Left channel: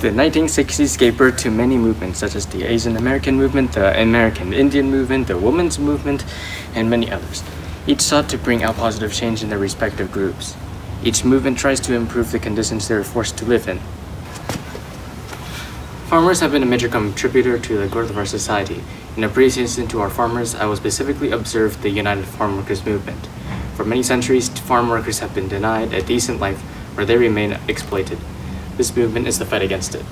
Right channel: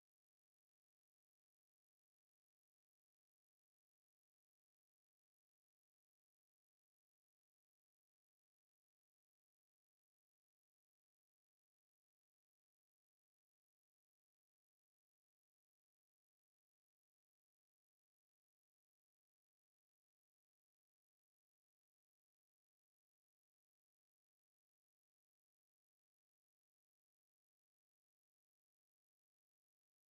The 1960s gave birth to many movements such as the Asian American movement, the American Indian movement, the women's movement, and many others. Each sought to bring out positive change in their respective groups. Each movement tries to improve the conditions they are forced to live in. Farmers have been a major contributor to the growth of our society. In appreciation to our farmers, I will specifically observe the United Farm Workers movement. For many centuries, farm workers have been denied a decent life where they remain exploited. This movement is the fight against it.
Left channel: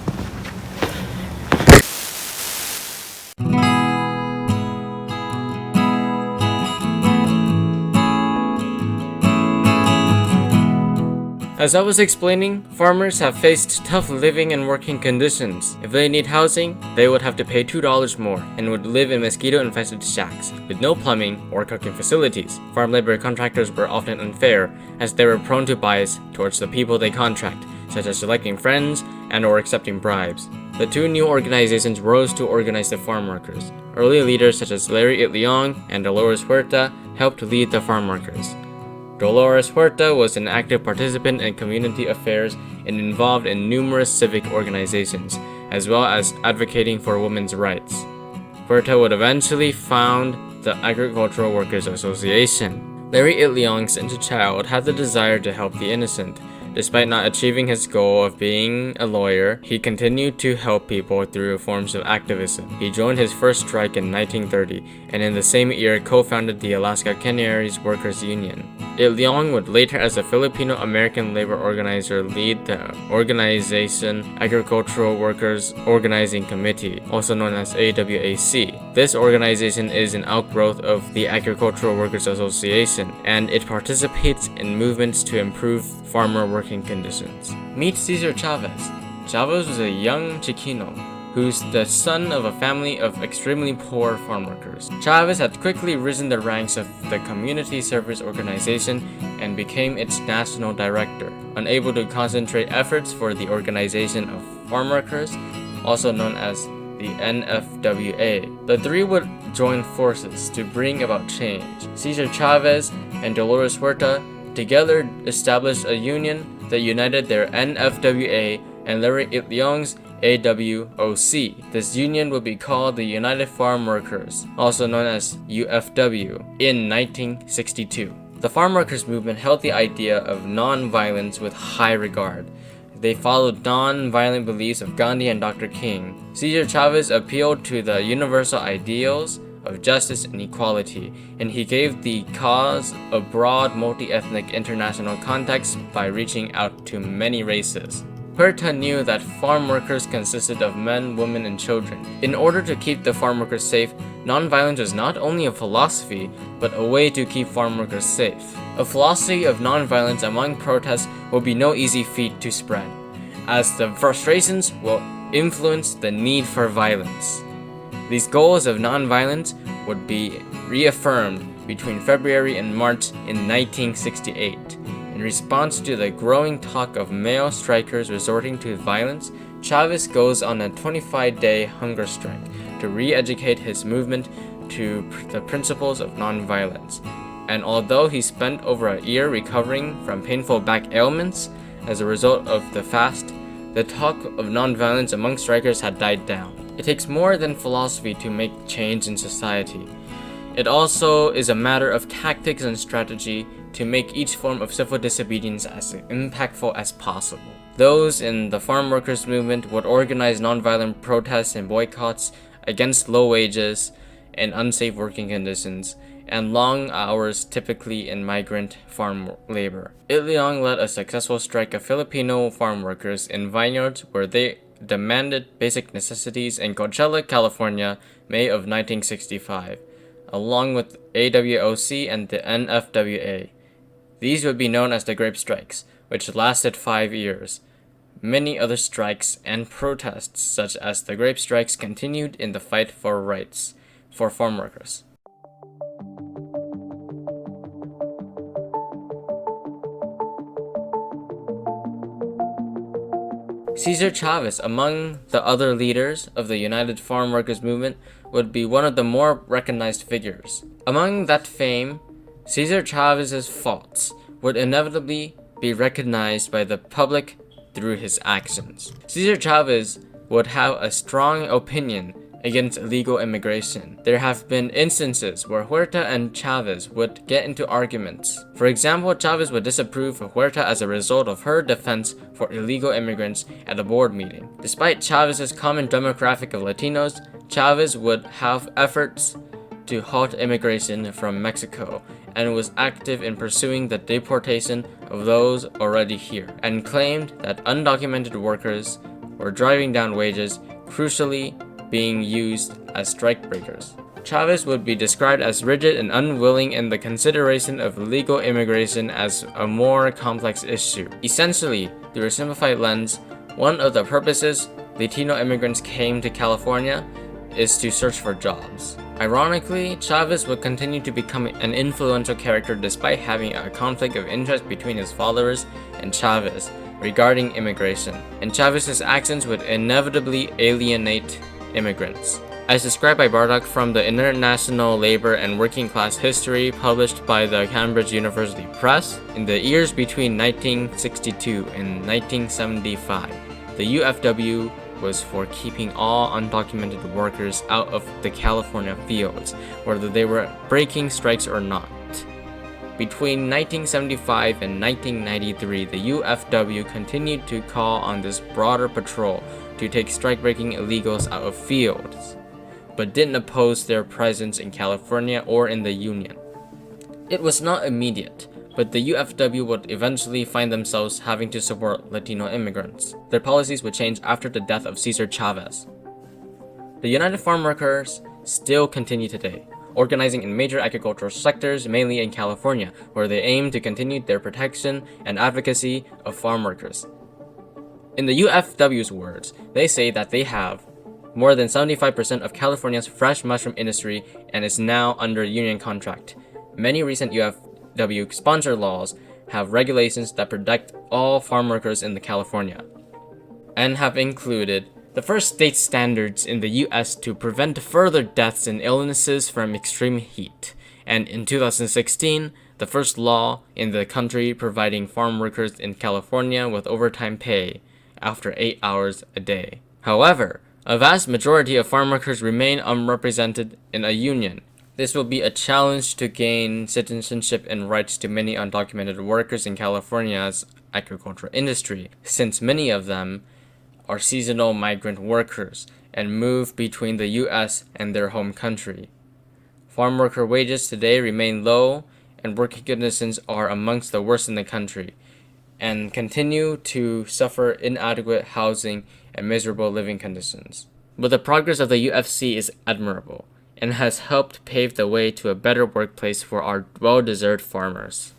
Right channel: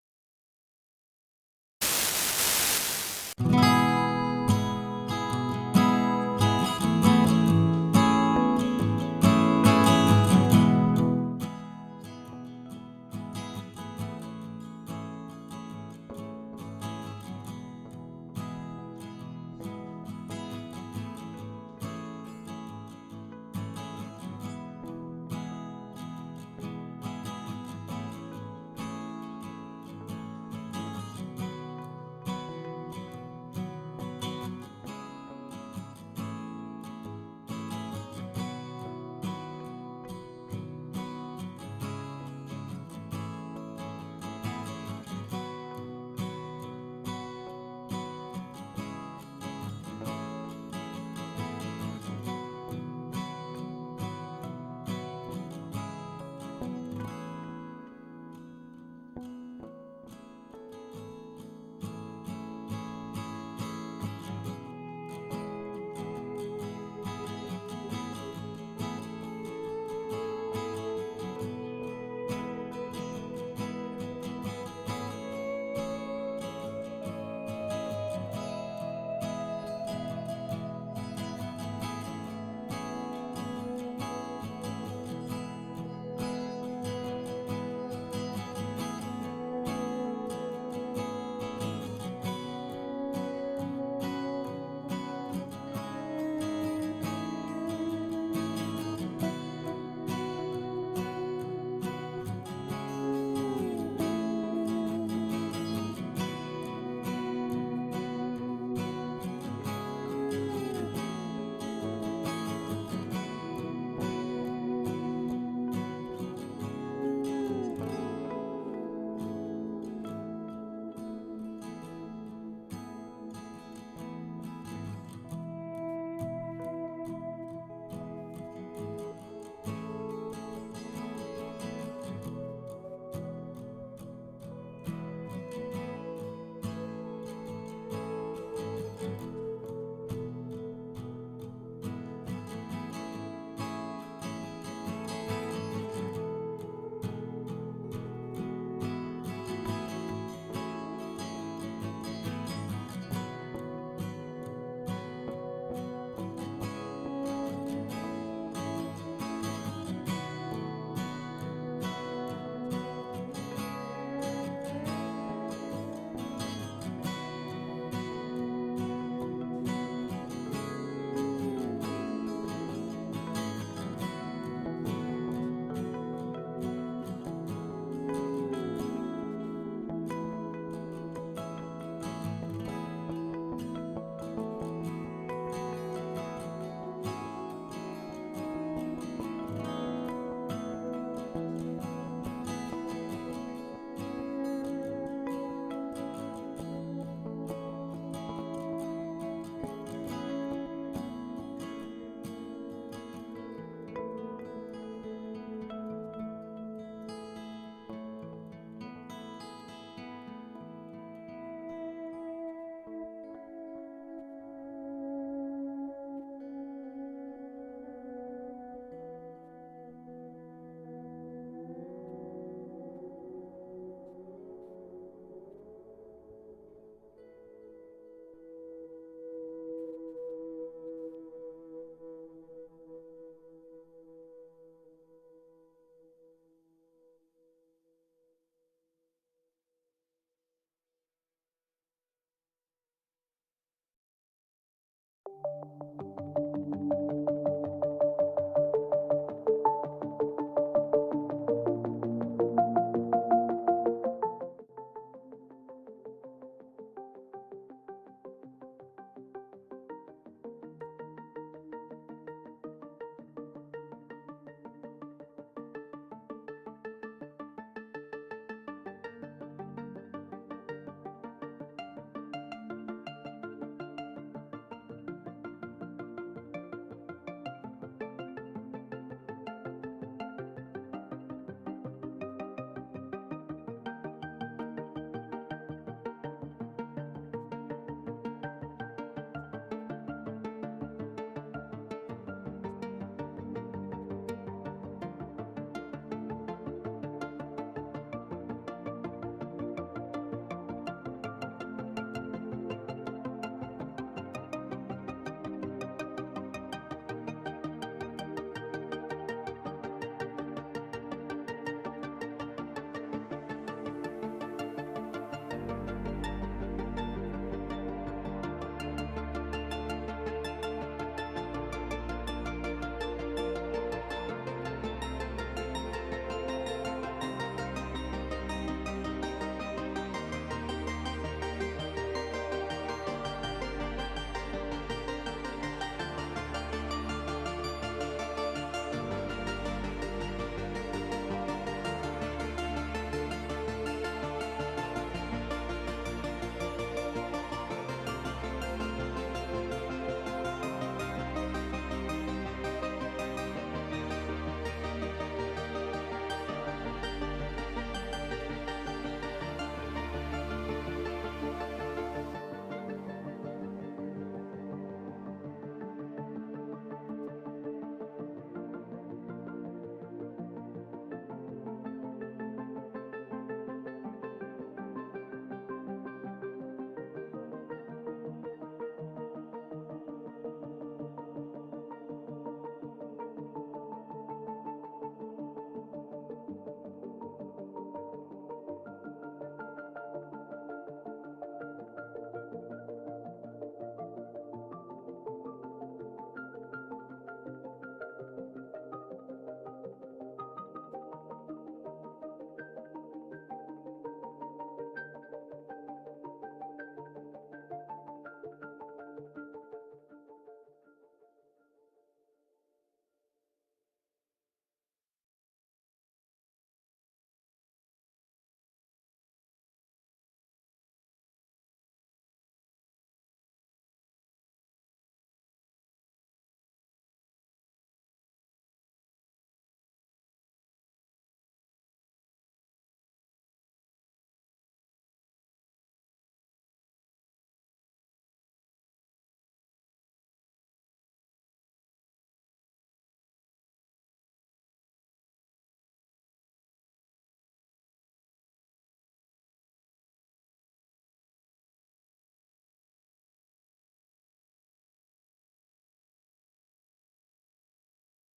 As I was explaining, farmers have faced tough living and working conditions. If they need housing, they would have to pay $2 more and would live in mosquito-infested shacks with no plumbing or cooking facilities. Farm labor contractors were often unfair, as they were prone to bias towards the people they contract, such as selecting friends and or accepting bribes. The two new organizations rose to organize the farm workers. Early leaders such as Larry Itliong and Dolores Huerta helped lead the farm workers. Dolores Huerta was an active participant in community affairs and involved in numerous civic organizations, as well as advocating for women's rights. Huerta would eventually found the Agricultural Workers Association. Larry Itliong, since a child, had the desire to help the innocent. Despite not achieving his goal of being a lawyer, he continued to help people through forms of activism. He joined his first strike in 1930, and in the same year co-founded the Alaska Canneries Workers Union. Itliong would later, as a Filipino-American labor organizer, lead the organization Agricultural Workers Organizing Committee, also known as AWAC. This organization is an outgrowth of the Agricultural Workers Association, and it participates in movements to improve farmer working conditions. Meet Cesar Chavez. Chavez was a young Chicano who's the son of a family of extremely poor farm workers. Chavez had quickly risen the ranks of the Community Service Organization and became its national director, unable to concentrate efforts for the Organization of Farm Workers, also known as the NFWA. The three would join forces to bring about change. Cesar Chavez and Dolores Huerta together established a union that united their NFWA and Larry Itliong's AWOC. This union would be called the United Farm Workers, also known as UFW, in 1962. The farm workers movement held the idea of non-violence with high regard. They followed non-violent beliefs of Gandhi and Dr. King. Cesar Chavez appealed to the universal ideals of justice and equality, and he gave the cause a broad multi-ethnic international context by reaching out to many races. Huerta knew that farm workers consisted of men, women, and children. In order to keep the farm workers safe, nonviolence was not only a philosophy, but a way to keep farm workers safe. A philosophy of nonviolence among protests will be no easy feat to spread, as the frustrations will influence the need for violence. These goals of nonviolence would be reaffirmed between February and March in 1968. In response to the growing talk of male strikers resorting to violence, Chavez goes on a 25-day hunger strike to re-educate his movement to the principles of nonviolence. And although he spent over a year recovering from painful back ailments as a result of the fast, the talk of nonviolence among strikers had died down. It takes more than philosophy to make change in society. It also is a matter of tactics and strategy to make each form of civil disobedience as impactful as possible. Those in the farm workers movement would organize nonviolent protests and boycotts against low wages and unsafe working conditions and long hours typically in migrant farm labor. Itliong led a successful strike of Filipino farm workers in vineyards where they demanded basic necessities in Coachella, California, May of 1965, along with AWOC and the NFWA. These would be known as the Grape Strikes, which lasted 5 years. Many other strikes and protests, such as the Grape Strikes, continued in the fight for rights for farm workers. Cesar Chavez, among the other leaders of the United Farm Workers movement, would be one of the more recognized figures. Among that fame, Cesar Chavez's faults would inevitably be recognized by the public through his actions. Cesar Chavez would have a strong opinion against illegal immigration. There have been instances where Huerta and Chavez would get into arguments. For example, Chavez would disapprove of Huerta as a result of her defense for illegal immigrants at a board meeting. Despite Chavez's common demographic of Latinos, Chavez would have efforts to halt immigration from Mexico and was active in pursuing the deportation of those already here, and claimed that undocumented workers were driving down wages, crucially being used as strikebreakers. Chavez would be described as rigid and unwilling in the consideration of illegal immigration as a more complex issue. Essentially, through a simplified lens, one of the purposes Latino immigrants came to California is to search for jobs. Ironically, Chavez would continue to become an influential character despite having a conflict of interest between his followers and Chavez regarding immigration, and Chavez's actions would inevitably alienate immigrants. As described by Bardock from the International Labor and Working Class History published by the Cambridge University Press, in the years between 1962 and 1975, the UFW was for keeping all undocumented workers out of the California fields, whether they were breaking strikes or not. Between 1975 and 1993, the UFW continued to call on this broader patrol to take strike-breaking illegals out of fields, but didn't oppose their presence in California or in the Union. It was not immediate, but the UFW would eventually find themselves having to support Latino immigrants. Their policies would change after the death of Cesar Chavez. The United Farm Workers still continue today, organizing in major agricultural sectors, mainly in California, where they aim to continue their protection and advocacy of farm workers. In the UFW's words, they say that they have more than 75% of California's fresh mushroom industry and is now under union contract. Many recent UFW sponsor laws have regulations that protect all farm workers in California, and have included the first state standards in the US to prevent further deaths and illnesses from extreme heat, and in 2016, the first law in the country providing farm workers in California with overtime pay after 8 hours a day. However, a vast majority of farm workers remain unrepresented in a union. This will be a challenge to gain citizenship and rights to many undocumented workers in California's agricultural industry, since many of them are seasonal migrant workers and move between the US and their home country. Farm worker wages today remain low, and working conditions are amongst the worst in the country, and continue to suffer inadequate housing and miserable living conditions. But the progress of the UFC is admirable, and has helped pave the way to a better workplace for our well-deserved farmers.